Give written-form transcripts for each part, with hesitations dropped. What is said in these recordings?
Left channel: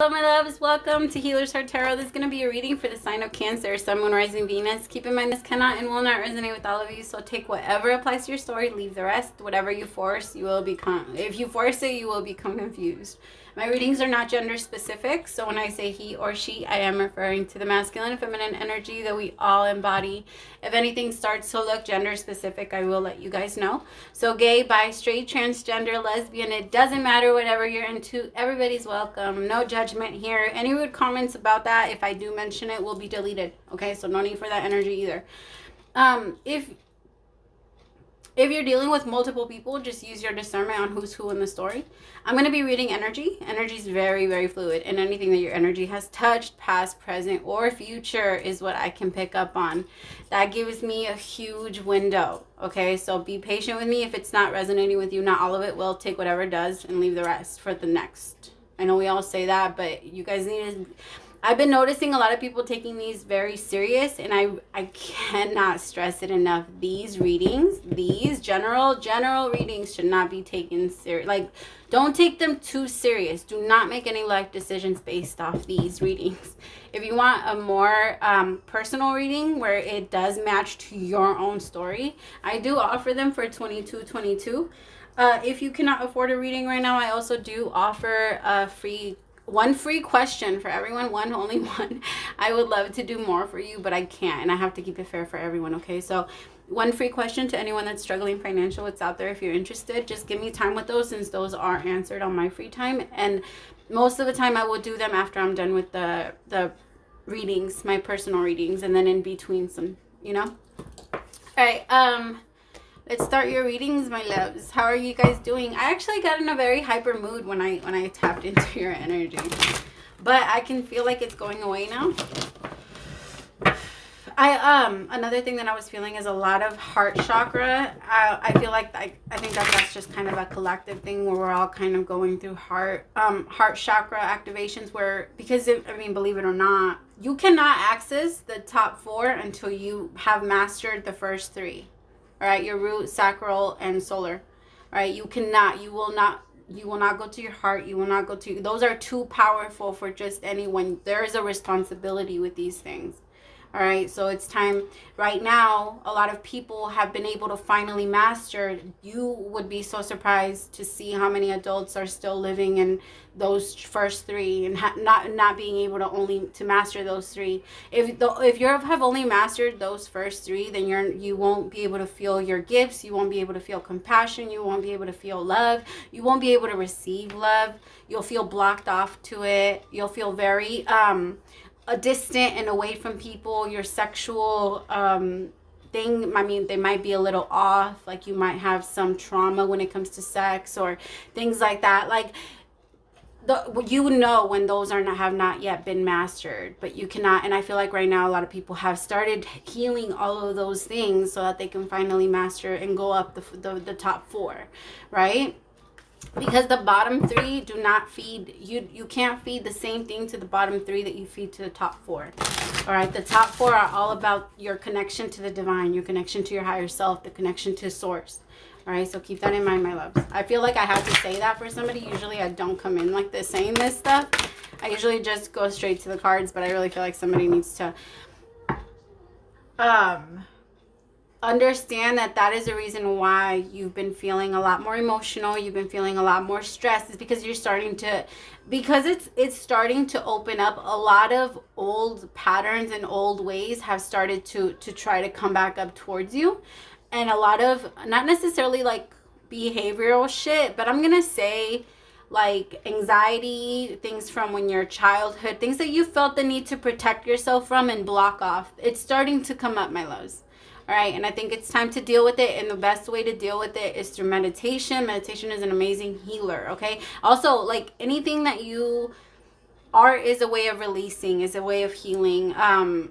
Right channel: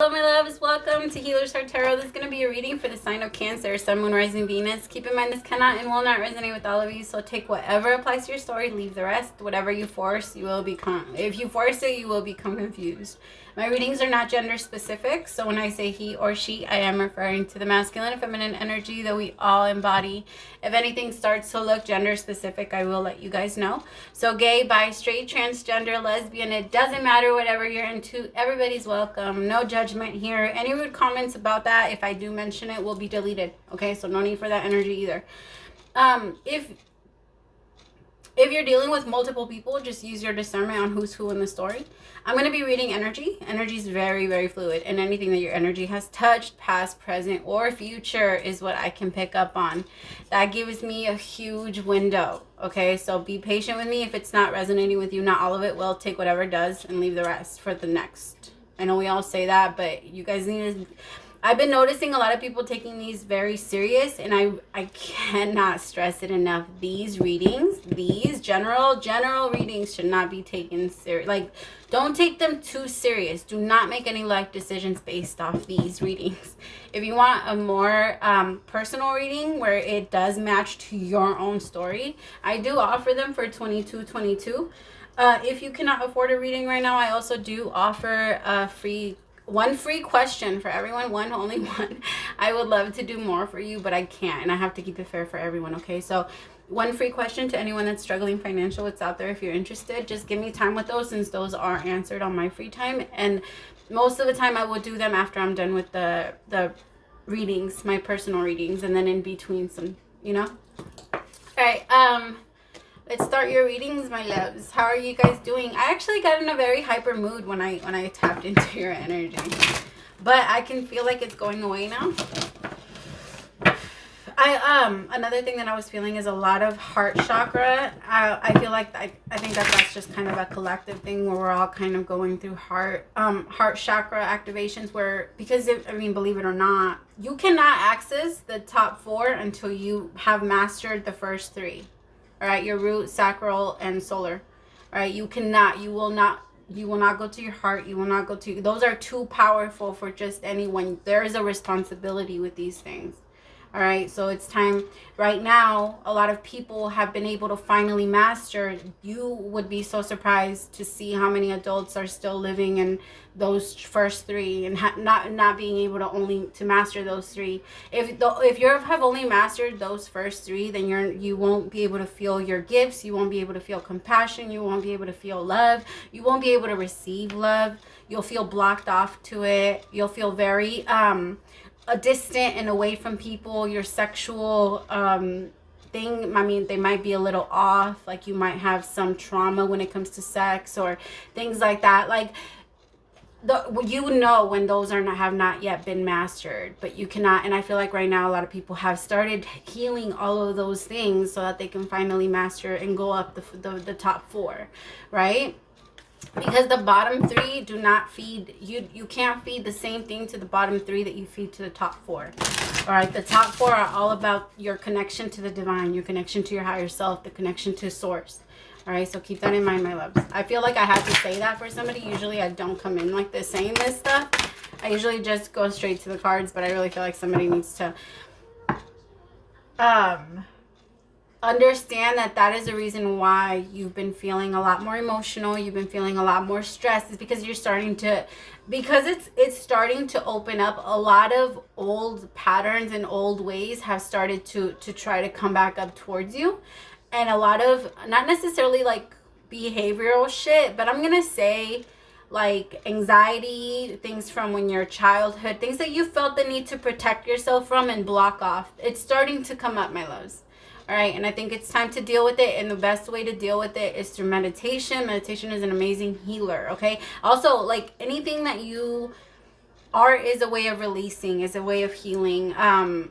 Hello my loves, welcome to Healer's Heart Tarot. This is going to be a reading for the sign of Cancer, Sun, Moon, Rising, Venus. Keep in mind this cannot and will not resonate with all of you, so take whatever applies to your story, leave the rest. Whatever you force, you will become, if you force it, you will become confused. My readings are not gender specific, so when I say he or she, I am referring to the masculine and feminine energy that we all embody. If anything starts to look gender specific, I will let you guys know. So gay, bi, straight, transgender, lesbian, it doesn't matter whatever you're into. Everybody's welcome. No judgment here. Any rude comments about that, if I do mention it, will be deleted. Okay, so no need for that energy either. If you're dealing with multiple people, just use your discernment on who's who in the story. I'm going to be reading energy. Energy is very, very fluid, and anything that your energy has touched, past, present, or future is what I can pick up on. That gives me a huge window, okay? So be patient with me. If it's not resonating with you, not all of it will. Take whatever does and leave the rest for the next. I know we all say that, but you guys need to... I've been noticing a lot of people taking these very serious, and I cannot stress it enough. These readings, these general readings should not be taken serious. Like, don't take them too serious. Do not make any life decisions based off these readings. If you want a more personal reading where it does match to your own story, I do offer them for $22.22. If you cannot afford a reading right now, I also do offer a one free question for everyone, only one. I would love to do more for you, but I can't, and I have to keep it fair for everyone, okay? So one free question to anyone that's struggling financial. It's out there if you're interested. Just give me time with those, since those are answered on my free time, and most of the time I will do them after I'm done with the readings, my personal readings, and then in between some, you know? All right, let's start your readings, my loves. How are you guys doing? I actually got in a very hyper mood when I tapped into your energy, but I can feel like it's going away now. Another thing that I was feeling is a lot of heart chakra. I feel like I think that's just kind of a collective thing where we're all kind of going through heart chakra activations, where, because believe it or not, you cannot access the top four until you have mastered the first three. All right, your root, sacral, and solar. All right, you will not go to your heart. You will not go to, those are too powerful for just anyone. There is a responsibility with these things. All right, so it's time right now. A lot of people have been able to finally master. You would be so surprised to see how many adults are still living in those first three and not being able to master those three. If you have only mastered those first three, then you won't be able to feel your gifts. You won't be able to feel compassion. You won't be able to feel love. You won't be able to receive love. You'll feel blocked off to it. You'll feel very distant and away from people. Your sexual thing, they might be a little off. Like, you might have some trauma when it comes to sex or things like that. Like, when those have not yet been mastered, but you cannot. And I feel like right now a lot of people have started healing all of those things so that they can finally master and go up the top four, right? Because the bottom three do not feed you can't feed the same thing to the bottom three that you feed to the top four. All right, the top four are all about your connection to the divine, your connection to your higher self, the connection to source. All right, so keep that in mind, my loves. I feel like I have to say that for somebody. Usually I don't come in like this saying this stuff. I usually just go straight to the cards, but I really feel like somebody needs to understand that is the reason why you've been feeling a lot more emotional. You've been feeling a lot more stressed. It's because it's starting to open up. A lot of old patterns and old ways have started to try to come back up towards you. And a lot of, not necessarily like behavioral shit, but I'm gonna say like anxiety, things from when you're childhood, things that you felt the need to protect yourself from and block off. It's starting to come up, my loves. All right, and I think it's time to deal with it, and the best way to deal with it is through meditation. Meditation is an amazing healer, okay? Also, like, anything that you art is a way of releasing, is a way of healing.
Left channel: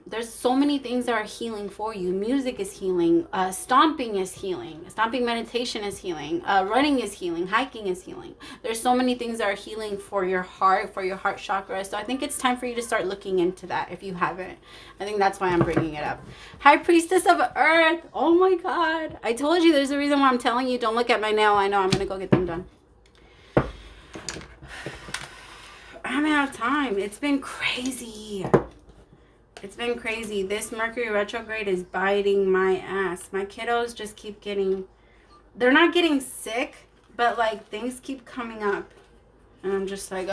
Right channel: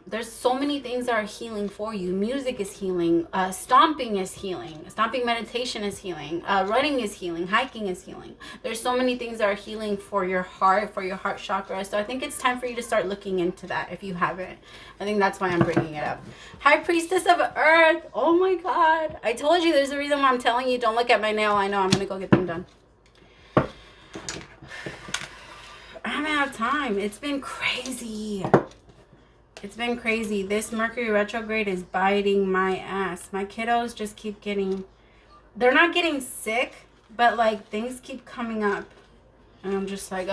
There's so many things that are healing for you. Music is healing. Stomping is healing. Stomping meditation is healing. Running is healing. Hiking is healing. There's so many things that are healing for your heart chakra. So I think it's time for you to start looking into that if you haven't. I think that's why I'm bringing it up. Hi, Priestess of Earth. Oh my God. I told you there's a reason why I'm telling you don't look at my nail. I know. I'm going to go get them done. I haven't had time. It's been crazy. It's been crazy. This Mercury retrograde is biting my ass. My kiddos just keep getting, they're not getting sick, but like things keep coming up. And I'm just like,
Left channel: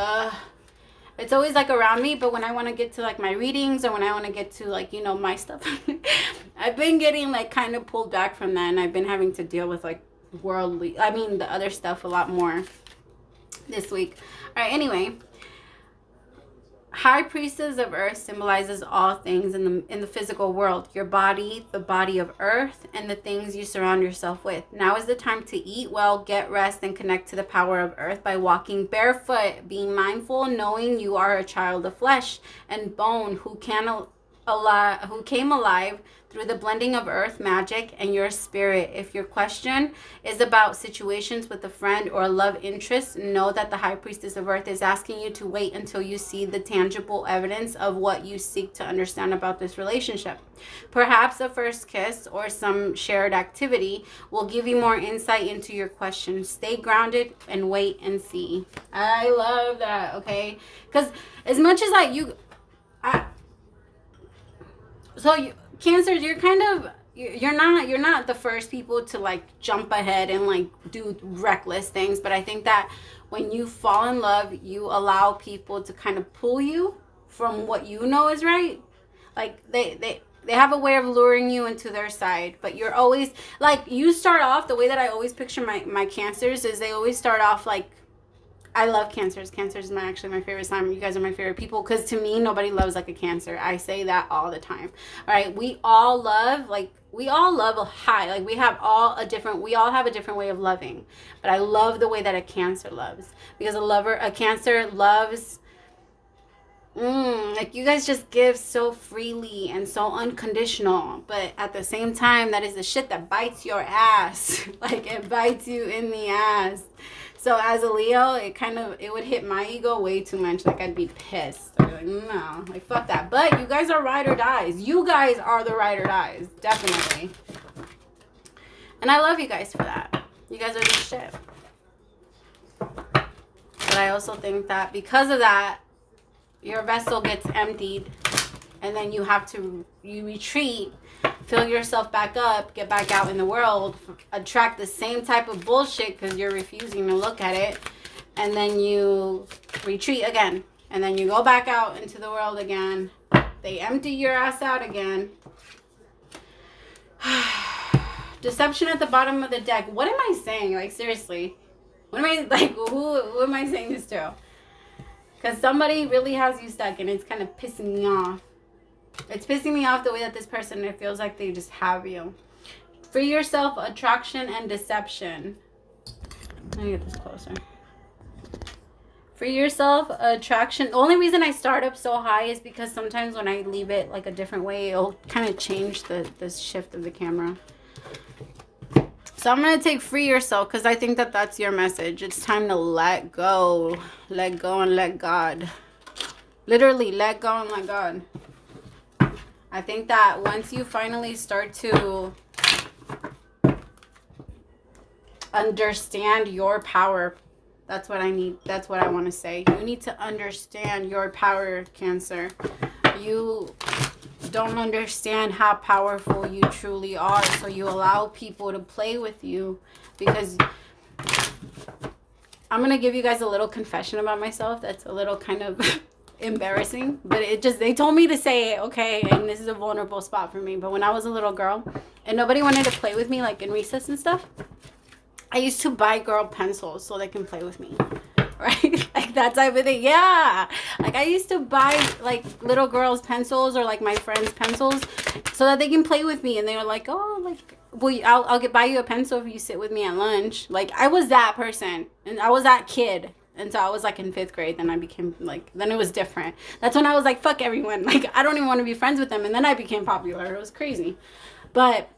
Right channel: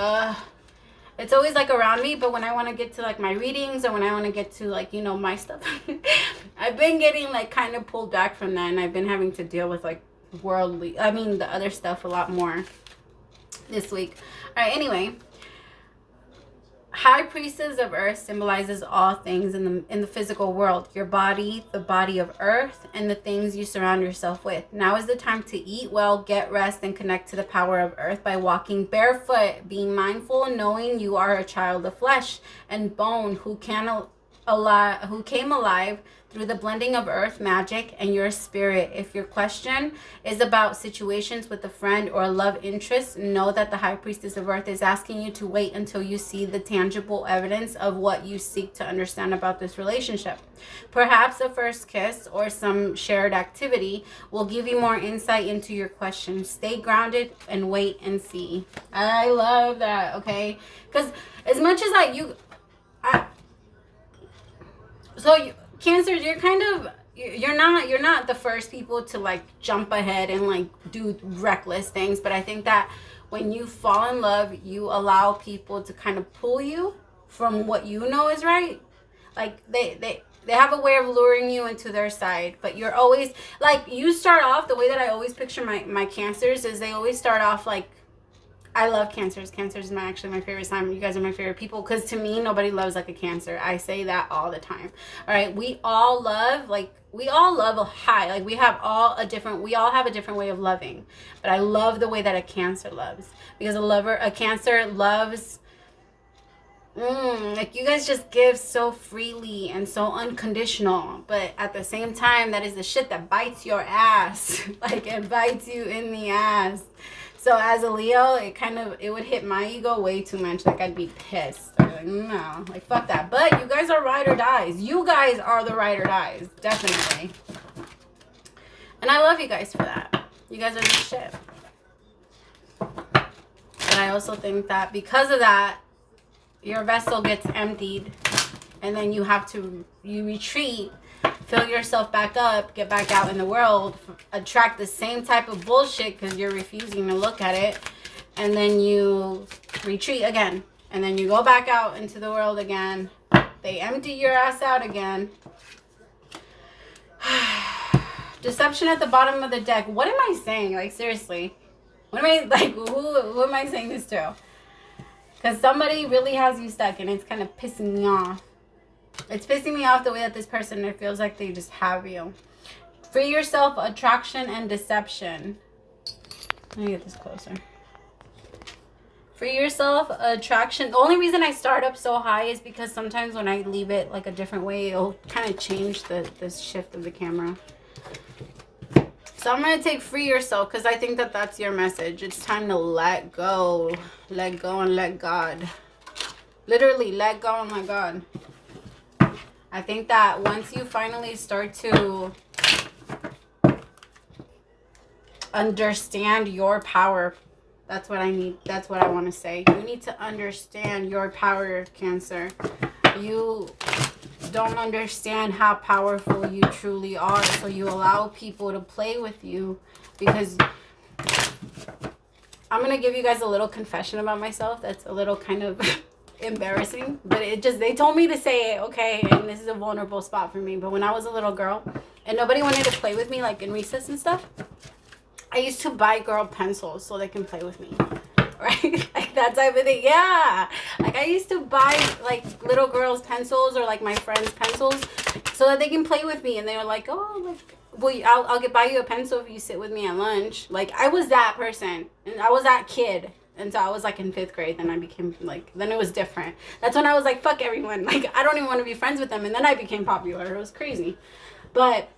it's always like around me, but when I want to get to like my readings or when I want to get to like, you know, my stuff, I've been getting like kind of pulled back from that, and I've been having to deal with like the other stuff a lot more this week. All right, anyway. High Priestess of Earth symbolizes all things in the physical world. Your body, the body of Earth, and the things you surround yourself with. Now is the time to eat well, get rest, and connect to the power of Earth by walking barefoot. Being mindful, knowing you are a child of flesh and bone who came alive through the blending of earth magic and your spirit. If your question is about situations with a friend or love interest, know that the High Priestess of Earth is asking you to wait until you see the tangible evidence of what you seek to understand about this relationship. Perhaps a first kiss or some shared activity will give you more insight into your question. Stay grounded and wait and see. I love that, okay? Because as much as Cancer, you're not the first people to like jump ahead and like do reckless things, but I think that when you fall in love, you allow people to kind of pull you from what you know is right. Like they have a way of luring you into their side, but you're always like, you start off the way that I always picture my Cancers is they always start off like, I love Cancers. Cancers is actually my favorite sign. You guys are my favorite people because to me, nobody loves like a Cancer. I say that all the time. All right. We all love a high. Like we all have a different way of loving. But I love the way that a Cancer loves, because a Cancer loves, like you guys just give so freely and so unconditional. But at the same time, that is the shit that bites your ass. Like it bites you in the ass. So as a Leo, it would hit my ego way too much. Like I'd be pissed. I'd be like, no, like fuck that. But you guys are ride or dies. You guys are the ride or dies, definitely. And I love you guys for that. You guys are the shit. But I also think that because of that, your vessel gets emptied, and then you retreat, fill yourself back up, get back out in the world, attract the same type of bullshit because you're refusing to look at it, and then you retreat again, and then you go back out into the world again. They empty your ass out again. Deception at the bottom of the deck. What am I saying? Like seriously, who am I saying this to? Because somebody really has you stuck, and it's kind of pissing me off. It's pissing me off the way that this person, it feels like they just have you. Free yourself, attraction and deception. Let me get this closer. Free yourself, attraction. The only reason I start up so high is because sometimes when I leave it like a different way, it'll kind of change the shift of the camera. So I'm going to take free yourself because I think that that's your message. It's time to let go. Let go and let God. Literally, let go and let God. I think that once you finally start to understand your power, that's what I need. That's what I want to say. You need to understand your power, Cancer. You don't understand how powerful you truly are, so you allow people to play with you. Because I'm going to give you guys a little confession about myself that's a little kind of embarrassing, but they told me to say it, okay, and this is a vulnerable spot for me. But when I was a little girl and nobody wanted to play with me, like in recess and stuff, I used to buy girl pencils so they can play with me, right? Like that type of thing. Yeah, like I used to buy like little girls pencils or like my friends pencils so that they can play with me. And they were like, oh, like, well, I'll buy you a pencil if you sit with me at lunch. Like I was that person, and I was that kid. And so I was like in 5th grade. Then I became like, then it was different. That's when I was like, fuck everyone. Like, I don't even want to be friends with them. And then I became popular. It was crazy. But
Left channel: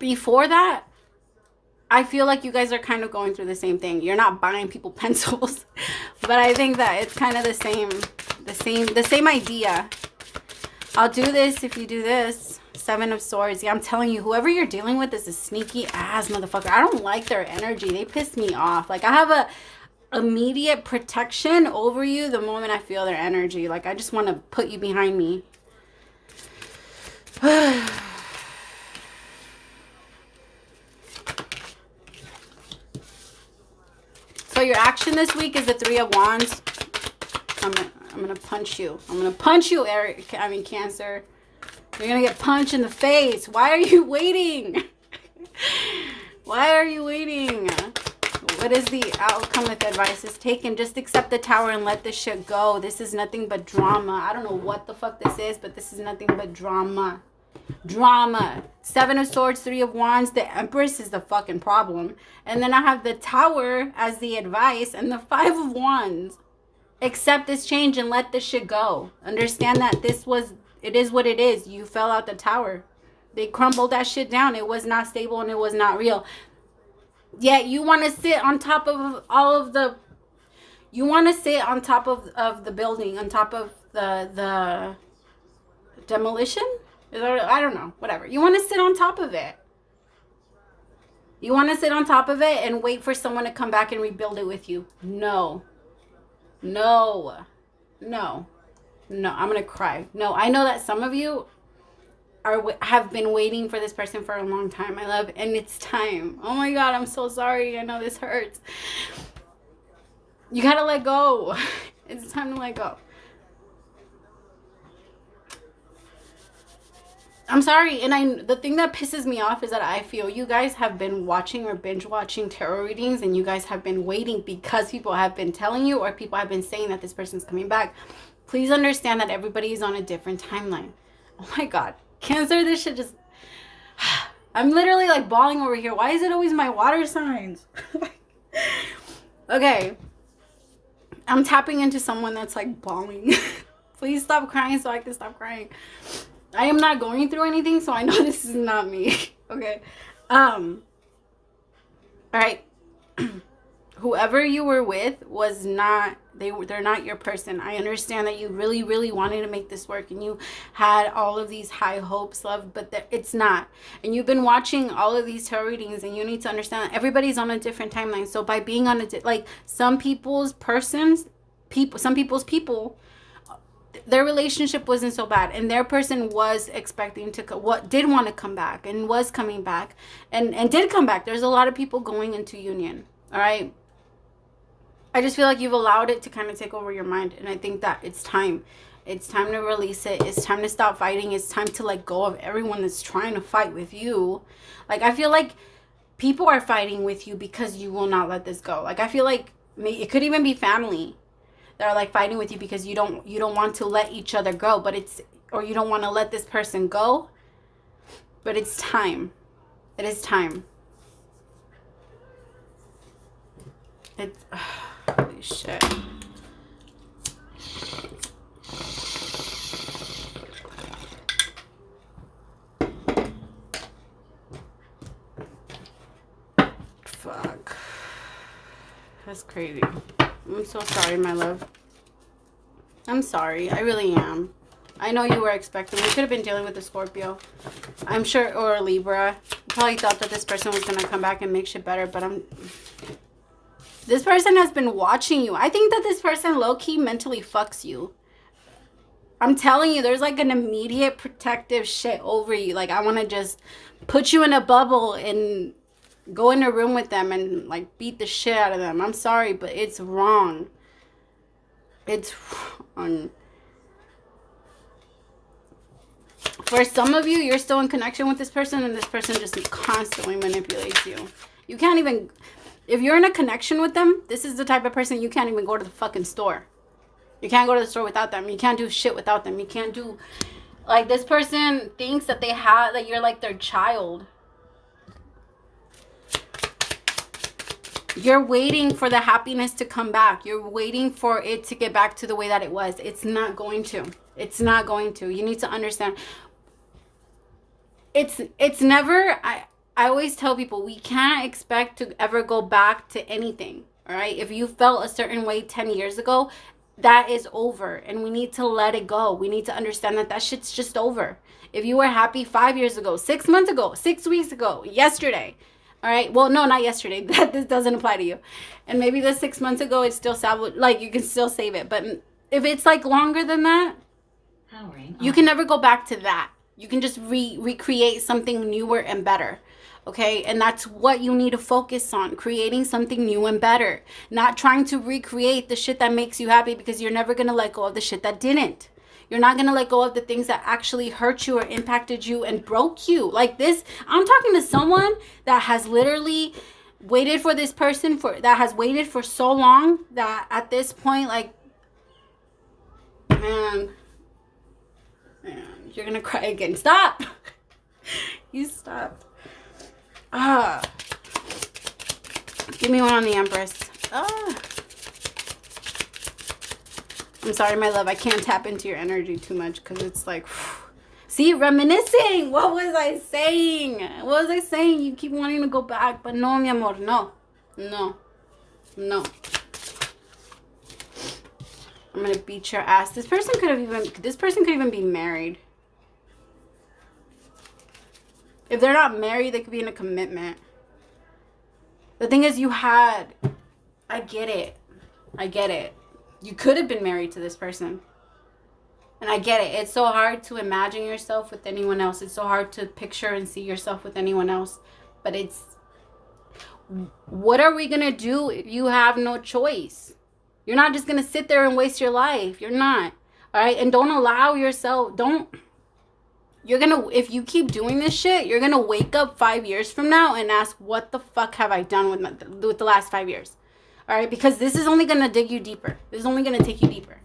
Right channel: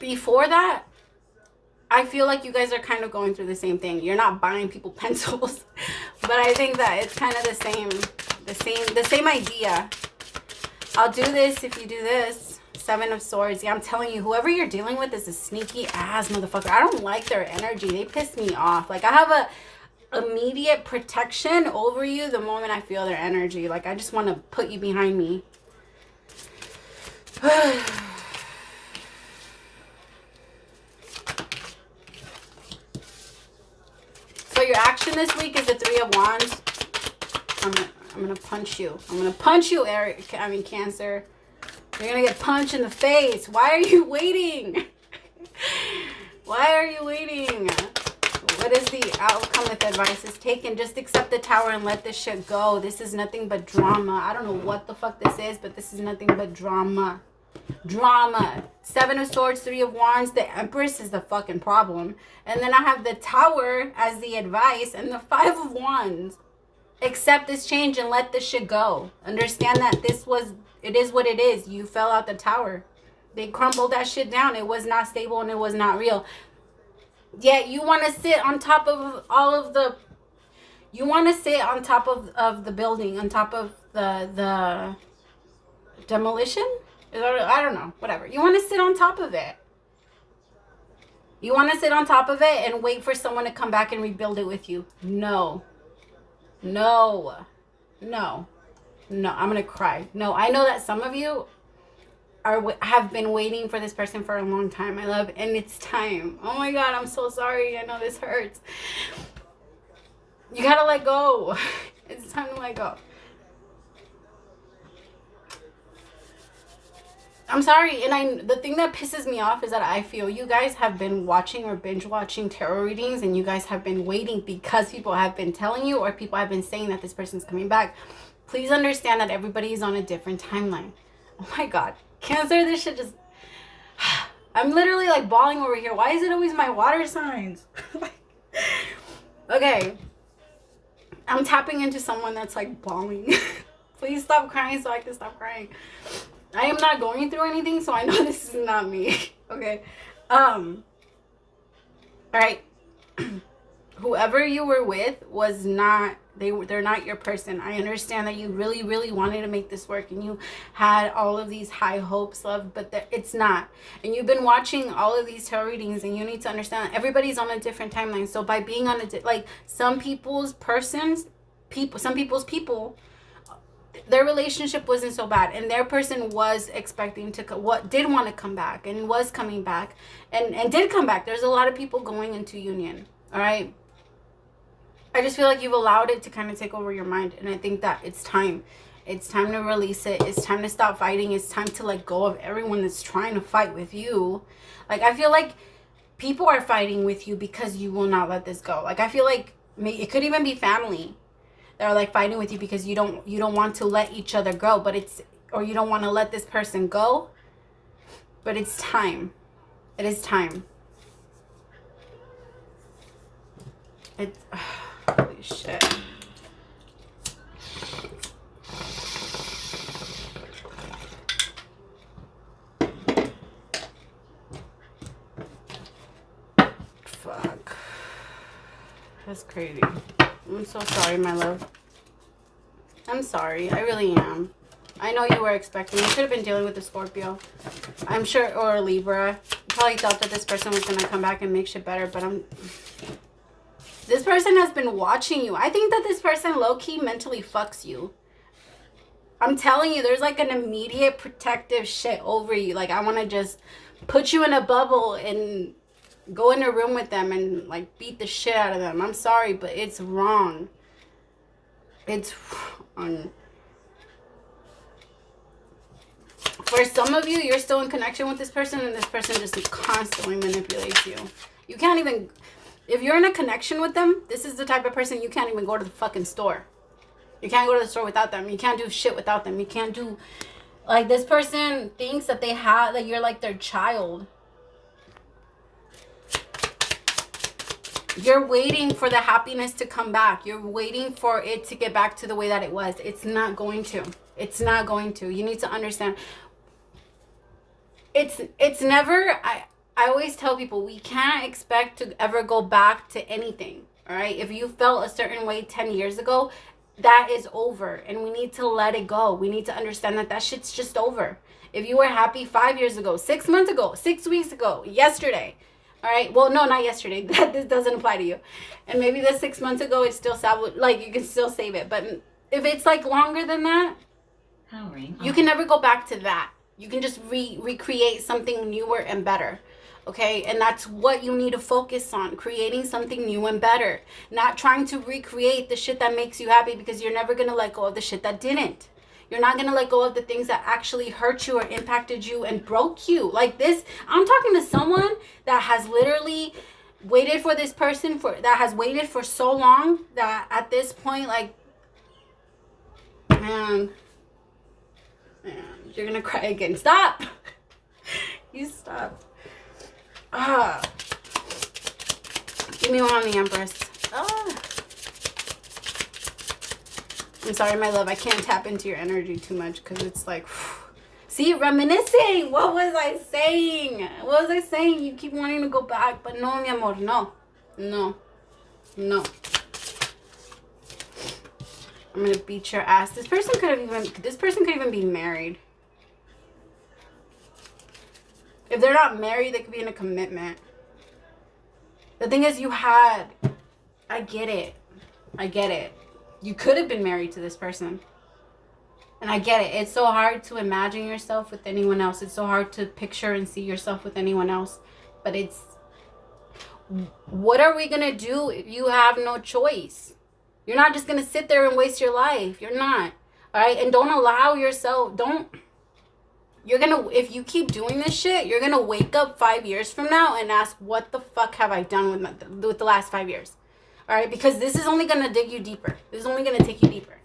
before that, I feel like you guys are kind of going through the same thing. You're not buying people pencils. But I think that it's kind of the same idea. I'll do this if you do this. 7 of Swords. Yeah, I'm telling you, whoever you're dealing with is a sneaky ass motherfucker. I don't like their energy. They piss me off. Like, I have immediate protection over you the moment I feel their energy. Like, I just want to put you behind me. So your action this week is the 3 of Wands. I'm gonna punch you. I'm gonna punch you, Cancer. You're gonna get punched in the face. Why are you waiting? Why are you waiting? What is the outcome if advice is taken? Just accept the Tower and let this shit go. This is nothing but drama. I don't know what the fuck this is, but this is nothing but drama. Drama. 7 of Swords, 3 of Wands. The Empress is the fucking problem. And then I have the Tower as the advice and the 5 of Wands. Accept this change and let this shit go. Understand that it is what it is. You fell out the tower. They crumbled that shit down. It was not stable and it was not real. Yet you want to sit on top of all of the... You want to sit on top of the building, on top of the demolition? I don't know. Whatever. You want to sit on top of it. You want to sit on top of it and wait for someone to come back and rebuild it with you. No. No. No. No. I'm going to cry. No. I know that some of you have been waiting for this person for a long time, my love, and it's time. Oh my God, I'm so sorry. I know this hurts. You gotta let go. It's time to let go. I'm sorry, and the thing that pisses me off is that I feel you guys have been watching or binge watching tarot readings, and you guys have been waiting because people have been telling you or people have been saying that this person's coming back. Please understand that everybody is on a different timeline. Oh my God. Cancer, this shit just... I'm literally like bawling over here. Why is it always my water signs? Okay. I'm tapping into someone that's like bawling. Please stop crying so I can stop crying. I am not going through anything, so I know this is not me. Okay. All right. Whoever you were with was not... They're not your person. I understand that you really, really wanted to make this work and you had all of these high hopes, love, but it's not. And you've been watching all of these tarot readings, and you need to understand that everybody's on a different timeline. So by being on some people's people, their relationship wasn't so bad, and their person was expecting to did want to come back and was coming back and did come back. There's a lot of people going into union. All right. I just feel like you've allowed it to kind of take over your mind. And I think that it's time. It's time to release it. It's time to stop fighting. It's time to let go of everyone that's trying to fight with you. Like, I feel like people are fighting with you because you will not let this go. Like, I feel like it could even be family that are like fighting with you because you don't want to let each other go. Or you don't want to let this person go. But it's time. It is time. It's... Holy shit. Fuck. That's crazy. I'm so sorry, my love. I'm sorry. I really am. I know you were expecting. You could have been dealing with a Scorpio. I'm sure, or a Libra. I probably thought that this person was going to come back and make shit better, but this person has been watching you. I think that this person low-key mentally fucks you. I'm telling you, there's like an immediate protective shit over you. Like, I want to just put you in a bubble and go in a room with them and like beat the shit out of them. I'm sorry, but it's wrong. It's wrong. For some of you, you're still in connection with this person, and this person just constantly manipulates you. You can't even... If you're in a connection with them, this is the type of person you can't even go to the fucking store. You can't go to the store without them. You can't do shit without them. You can't do... Like, this person thinks that that you're like their child. You're waiting for the happiness to come back. You're waiting for it to get back to the way that it was. It's not going to. It's not going to. You need to understand. It's never... I always tell people, we can't expect to ever go back to anything, all right? If you felt a certain way 10 years ago, that is over, and we need to let it go. We need to understand that shit's just over. If you were happy 5 years ago, 6 months ago, 6 weeks ago, yesterday, All right. Well, no, not yesterday. This doesn't apply to you. And maybe the 6 months ago, it's still like you can still save it. But if it's like longer than that, you can never go back to that. You can just recreate something newer and better. Okay, and that's what you need to focus on, creating something new and better. Not trying to recreate the shit that makes you happy, because you're never going to let go of the shit that didn't. You're not going to let go of the things that actually hurt you or impacted you and broke you. Like this, I'm talking to someone that has literally waited for this person that has waited for so long that at this point, like, man, you're going to cry again. Stop. You stop. Give me one on the Empress. I'm sorry, my love. I can't tap into your energy too much because it's like, see, reminiscing. What was I saying? What was I saying? You keep wanting to go back, but no, mi amor, no. I'm gonna beat your ass. This person could even be married. If they're not married, they could be in a commitment. The thing is, I get it. You could have been married to this person. And I get it. It's so hard to imagine yourself with anyone else. It's so hard to picture and see yourself with anyone else. But what are we going to do if you have no choice? You're not just going to sit there and waste your life. You're not. All right? And don't allow yourself, if you keep doing this shit, you're going to wake up 5 years from now and ask, what the fuck have I done with the last 5 years? All right? Because this is only going to dig you deeper. This is only going to take you deeper.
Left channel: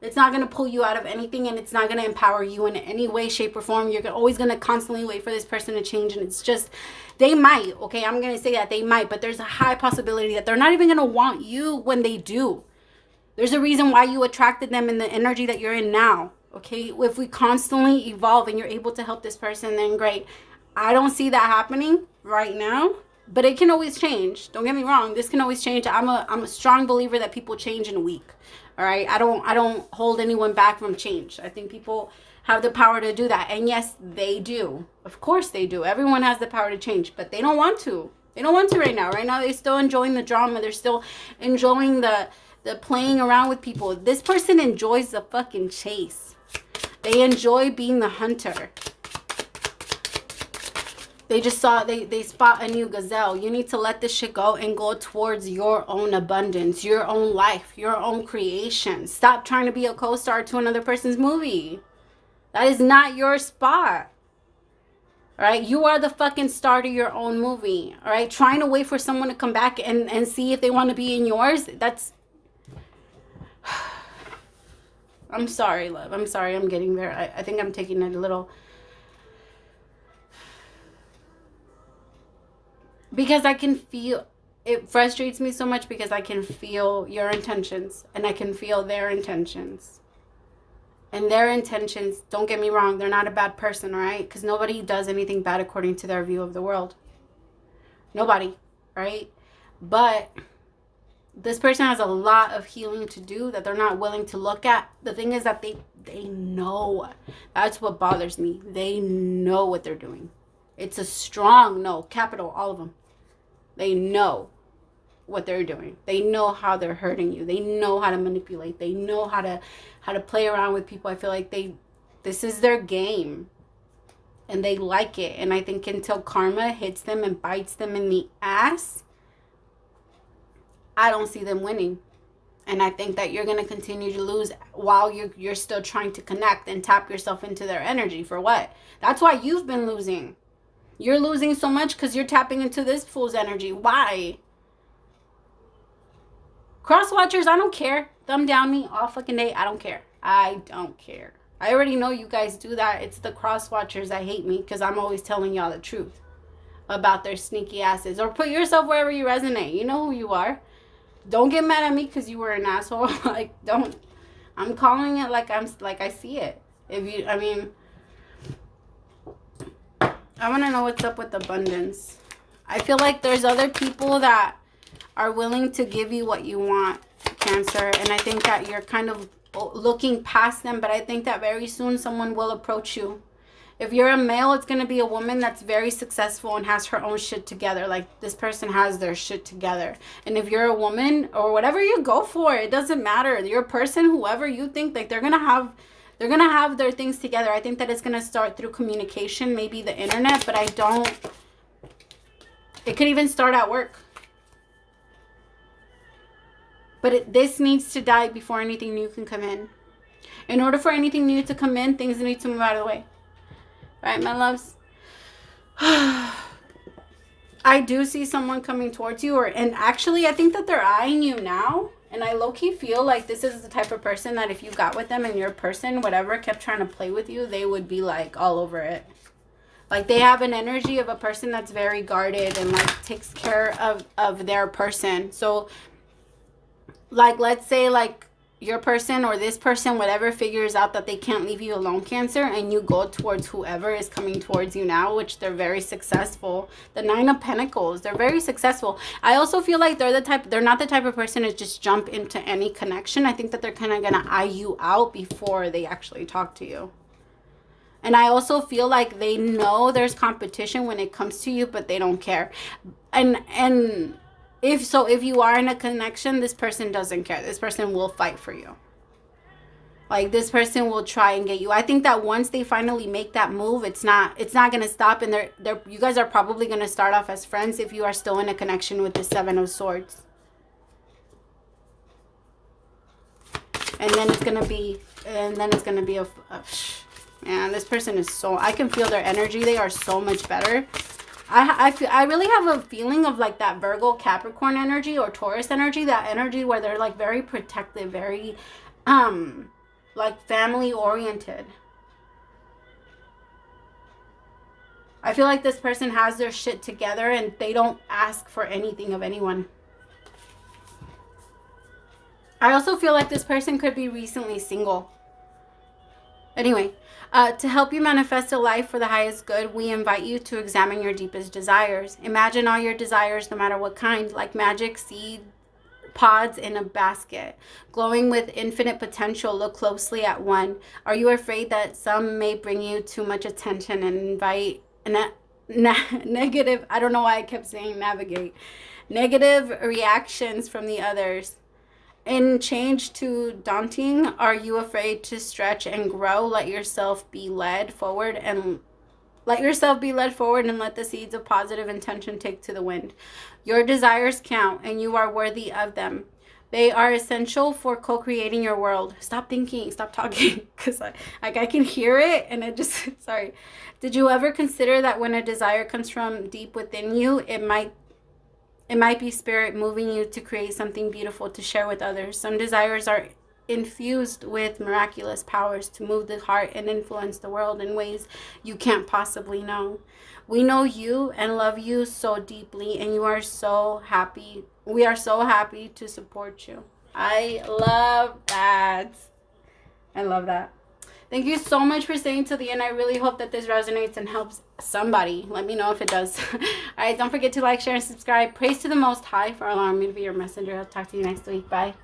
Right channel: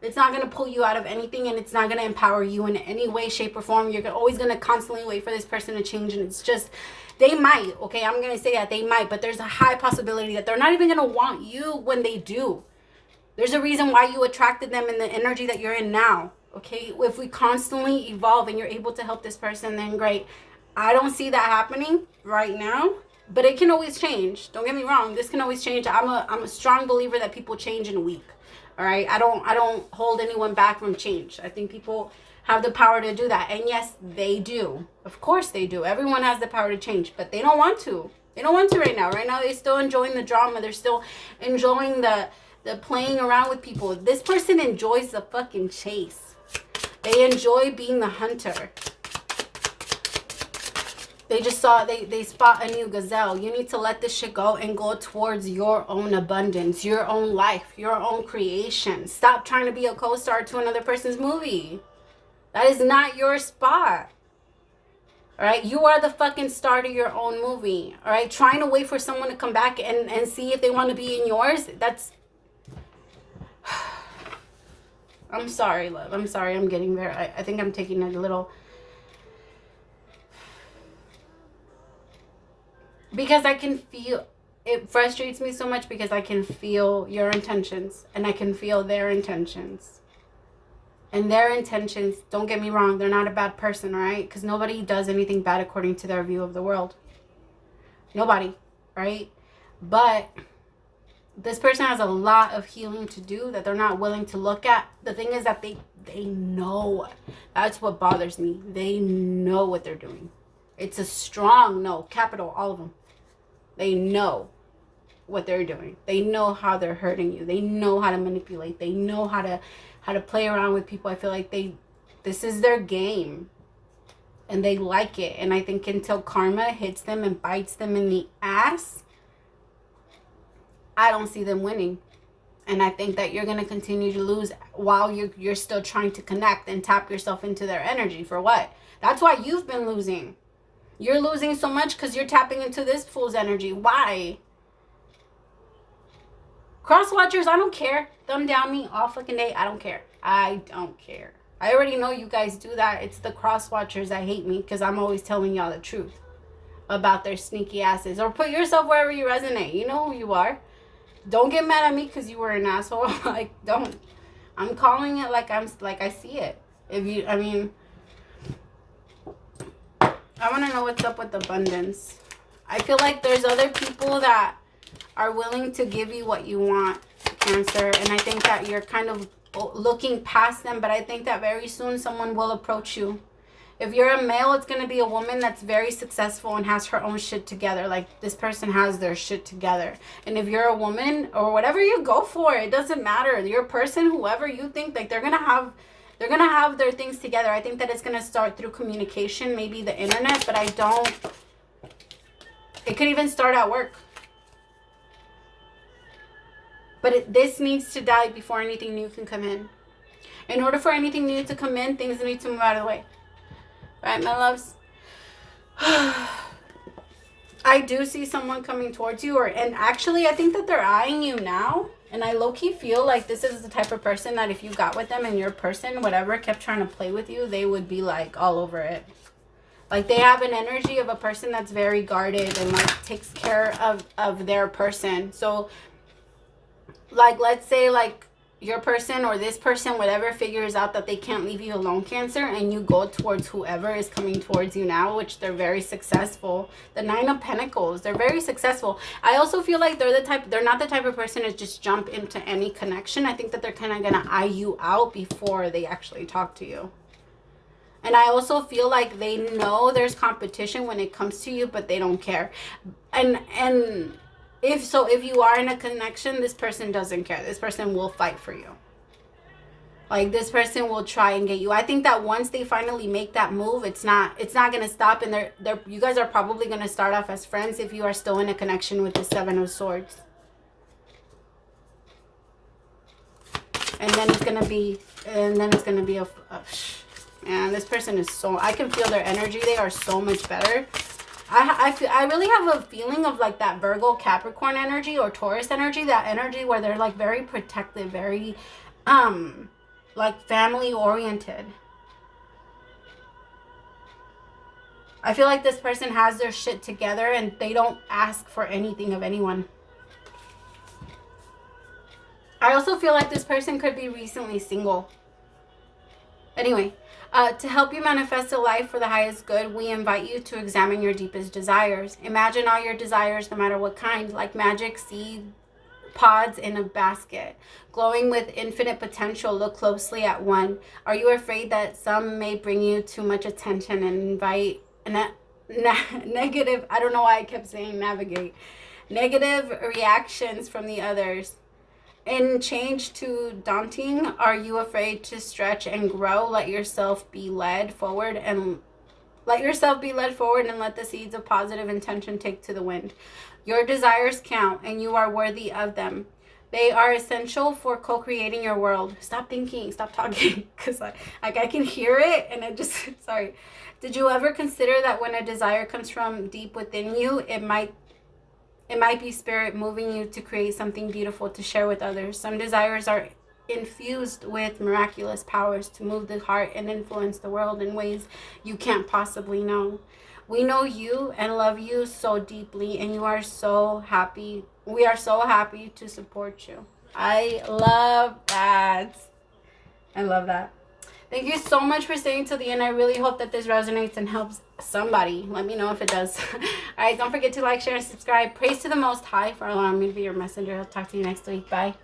It's not going to pull you out of anything, and it's not going to empower you in any way, shape, or form. You're always going to constantly wait for this person to change, and it's just, they might, okay? I'm going to say that they might, but there's a high possibility that they're not even going to want you when they do. There's a reason why you attracted them in the energy that you're in now. Okay, if we constantly evolve and you're able to help this person, then great. I don't see that happening right now, but it can always change. Don't get me wrong. This can always change. I'm a strong believer that people change in a week. All right. I don't hold anyone back from change. I think people have the power to do that. And yes, they do. Of course they do. Everyone has the power to change, but they don't want to. They don't want to right now. Right now, they're still enjoying the drama. They're still enjoying the playing around with people. This person enjoys the fucking chase. They enjoy being the hunter. They just they spot a new gazelle. You need to let this shit go and go towards your own abundance, your own life, your own creation. Stop trying to be a co-star to another person's movie. That is not your spot. All right? You are the fucking star to your own movie. All right? Trying to wait for someone to come back and see if they want to be in yours, that's... I'm sorry, love. I'm sorry. I'm getting there. I think I'm taking it a little... Because I can feel... It frustrates me so much because I can feel your intentions. And I can feel their intentions. And their intentions, don't get me wrong, they're not a bad person, all right? Because nobody does anything bad according to their view of the world. Nobody, right? But... this person has a lot of healing to do that they're not willing to look at. The thing is that they know. That's what bothers me. They know what they're doing. It's a strong no, capital, all of them. They know what they're doing. They know how they're hurting you. They know how to manipulate. They know how to play around with people. I feel like this is their game. And they like it. And I think until karma hits them and bites them in the ass, I don't see them winning. And I think that you're going to continue to lose while you're still trying to connect and tap yourself into their energy. For what? That's why you've been losing. You're losing so much because you're tapping into this fool's energy. Why? Cross watchers, I don't care. Thumb down me all fucking day. I don't care. I don't care. I already know you guys do that. It's the cross watchers that hate me because I'm always telling y'all the truth about their sneaky asses. Or put yourself wherever you resonate. You know who you are. Don't get mad at me because you were an asshole. Like, don't. I'm calling it like I see it. I want to know what's up with abundance. I feel like there's other people that are willing to give you what you want, Cancer. And I think that you're kind of looking past them. But I think that very soon someone will approach you. If you're a male, it's going to be a woman that's very successful and has her own shit together. Like, this person has their shit together. And if you're a woman or whatever you go for, it doesn't matter. Your person, whoever you think, like, they're going to have their things together. I think that it's going to start through communication, maybe the internet, but it could even start at work. But this needs to die before anything new can come in. In order for anything new to come in, things need to move out of the way. Right, my loves? I do see someone coming towards you, and actually I think that they're eyeing you now. And I low-key feel like this is the type of person that if you got with them and your person, whatever, kept trying to play with you, they would be like all over it. Like, they have an energy of a person that's very guarded and like takes care of their person. So like, let's say like your person or this person, whatever, figures out that they can't leave you alone, Cancer, and you go towards whoever is coming towards you now, which they're very successful. The 9 of Pentacles, they're very successful. I also feel like they're not the type of person to just jump into any connection. I think that they're kind of going to eye you out before they actually talk to you. And I also feel like they know there's competition when it comes to you, but they don't care. And if you are in a connection, this person doesn't care. This person will fight for you. Like, this person will try and get you. I think that once they finally make that move, it's not going to stop. And you guys are probably going to start off as friends if you are still in a connection with the 7 of Swords. And then it's going to be a man, this person is so, I can feel their energy. They are so much better. I really have a feeling of like that Virgo Capricorn energy or Taurus energy, that energy where they're like very protective, very like family oriented. I feel like this person has their shit together and they don't ask for anything of anyone. I also feel like this person could be recently single. Anyway, to help you manifest a life for the highest good, we invite you to examine your deepest desires. Imagine all your desires, no matter what kind, like magic seed pods in a basket, glowing with infinite potential. Look closely at one. Are you afraid that some may bring you too much attention and invite negative, I don't know why I kept saying navigate, negative reactions from the others? In change to daunting, are you afraid to stretch and grow? Let yourself be led forward and let the seeds of positive intention take to the wind. Your desires count and you are worthy of them. They are essential for co-creating your world. Stop thinking, stop talking, because I can hear it and it just, sorry. Did you ever consider that when a desire comes from deep within you, it might be spirit moving you to create something beautiful to share with others? Some desires are infused with miraculous powers to move the heart and influence the world in ways you can't possibly know. We know you and love you so deeply, and you are so happy. We are so happy to support you. I love that. I love that. Thank you so much for staying till the end. I really hope that this resonates and helps somebody. Let me know if it does. All right, don't forget to like, share, and subscribe. Praise to the Most High for allowing me to be your messenger. I'll talk to you next week. Bye.